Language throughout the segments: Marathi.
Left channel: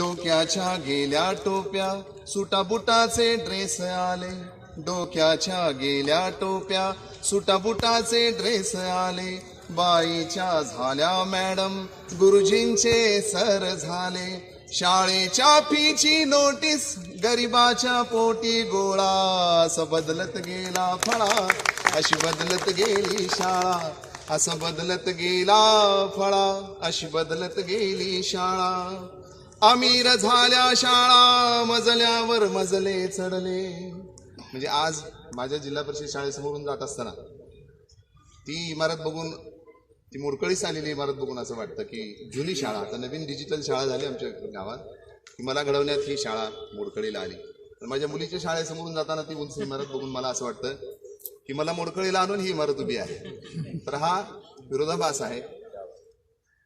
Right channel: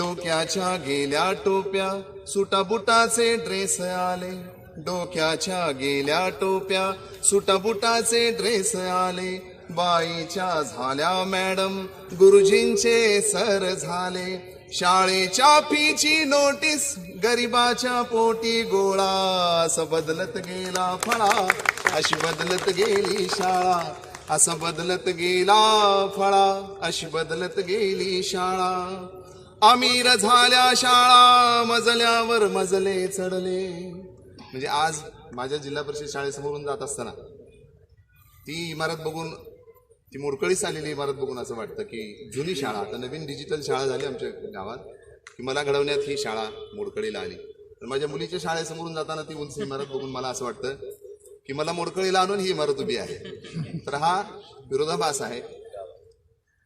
डोक्याच्या गेल्या टोप्या सुटाबुटाचे ड्रेस आले. डोक्याच्या गेल्या टोप्या सुटाबुटाचे ड्रेस आले. बाईच्या झाल्या मॅडम गुरुजींचे सर झाले. शाळेच्या फीची नोटीस गरिबाच्या पोटी गोळा. असं बदलत गेला फळा अशी बदलत गेली शाळा. असं बदलत गेला फळा अशी बदलत गेली शाळा. अमीर झाल्या शाळा मजल्यावर मजले चढले. म्हणजे आज माझ्या जिल्हा परिषद शाळेसमोरून जात असताना ती इमारत बघून ती मोडकळीस आलेली इमारत बघून असं वाटतं की जुनी शाळा आता नवीन डिजिटल शाळा झाली आमच्या गावात की मला घडवण्यात ही शाळा मोडकळीला आली. तर माझ्या मुलीच्या शाळेसमोरून जाताना ती उंच इमारत बघून मला असं वाटतं की मला मोडकळीला आणून ही इमारत उभी आहे. तर हा विरोधाभास आहे.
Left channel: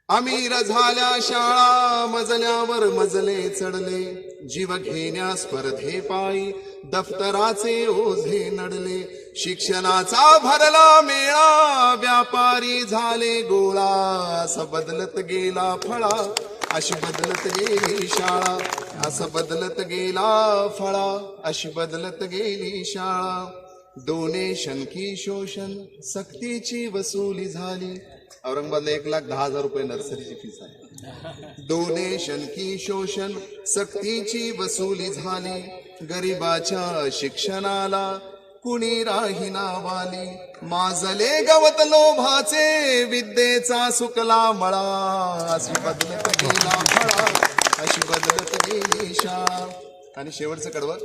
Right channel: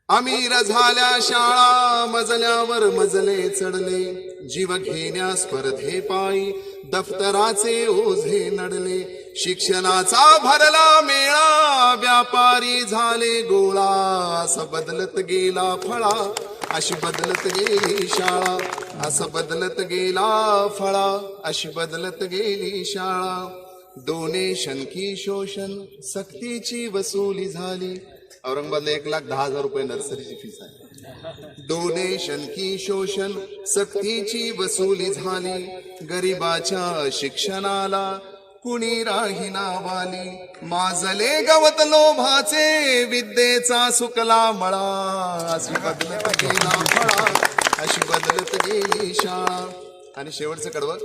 अमीर झाल्या शाळा मजल्यावर मजले चढले. जीव घेण्या स्पर्धे पायी दफ्तराचे ओझे नडले. शिक्षणाचा भरला मेळा व्यापारी झाले गोळा. असं बदलत गेला फळा अशी बदलत गेली शाळा. असं बदलत गेला फळा अशी बदलत गेली शाळा. डोनेशन की शोषण सक्तीची वसुली झाली. औरंगाबादला एक लाख दहा हजार रुपये नर्सरीची फीस आहे. डोनेशन की शोषण सक्तीची वसुली झाली. गरिबाच्या शिक्षणाला कुणी राही वाली माजले गवत लोभाचे विद्येचा सुकला मळा. अशी बदलत गेला फळा अशी बदलत गेली शाळा. आणि शेवटचं कडवत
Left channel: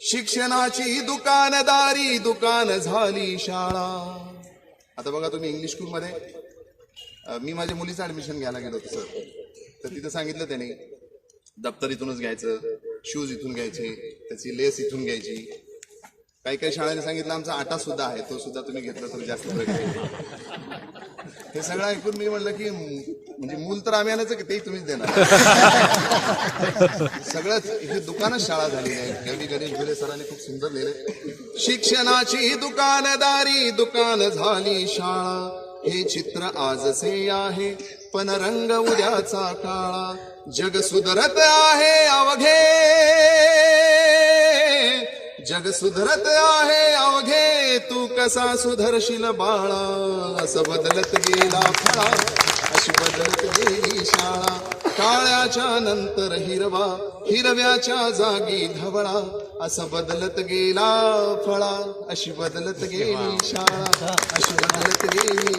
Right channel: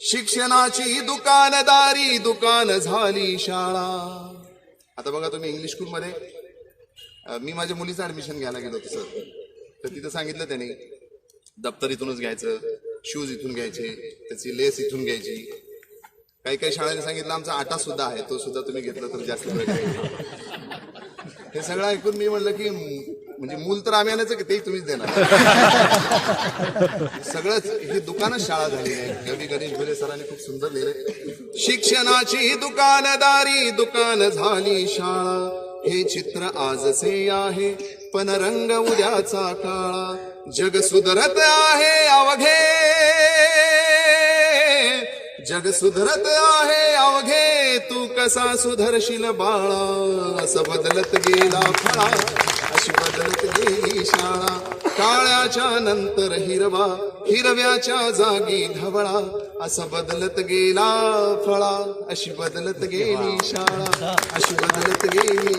शिक्षणाची दुकानदारी दुकान झाली शाळा. आता बघा तुम्ही इंग्लिश स्कूलमध्ये मध्ये मी माझ्या मुलीचं ऍडमिशन घ्यायला गेलो होतो सर तर तिथं सांगितलं त्याने दप्तर इथूनच घ्यायचं शूज इथून घ्यायचे त्याची लेस इथून घ्यायची. काही काही शाळांनी सांगितलं आमचा आटा सुद्धा आहे तो सुद्धा तुम्ही घेतला तर जास्त हे सगळं ऐकून मी म्हणलं की म्हणजे मूल तर आम्ही आणायचं की ते तुम्हीच देणार. सगळंच ही दुकानच शाळा झाली आहे. कवी गणेश भिरे सरांनी खूप सुंदर लिहिले शिक्षणाची दुकानदारी दुकान झाली शाळा. हे चित्र आजचे आहे. पण रंग उद्याचा काळा. जग सुधरत आहे अवघे. जग सुधरत आहे अवघे. तू कसा सुधरशील बाळा? असं बदलत गेला फळा. अशी बदलत गेली शाळा. काळ्याच्या नंतर हिरवा हिरव्याच्या जागी धवळा. असं बदलत गेला फळा. अशी बदलत गेली शाळा. अशी बदलत गेली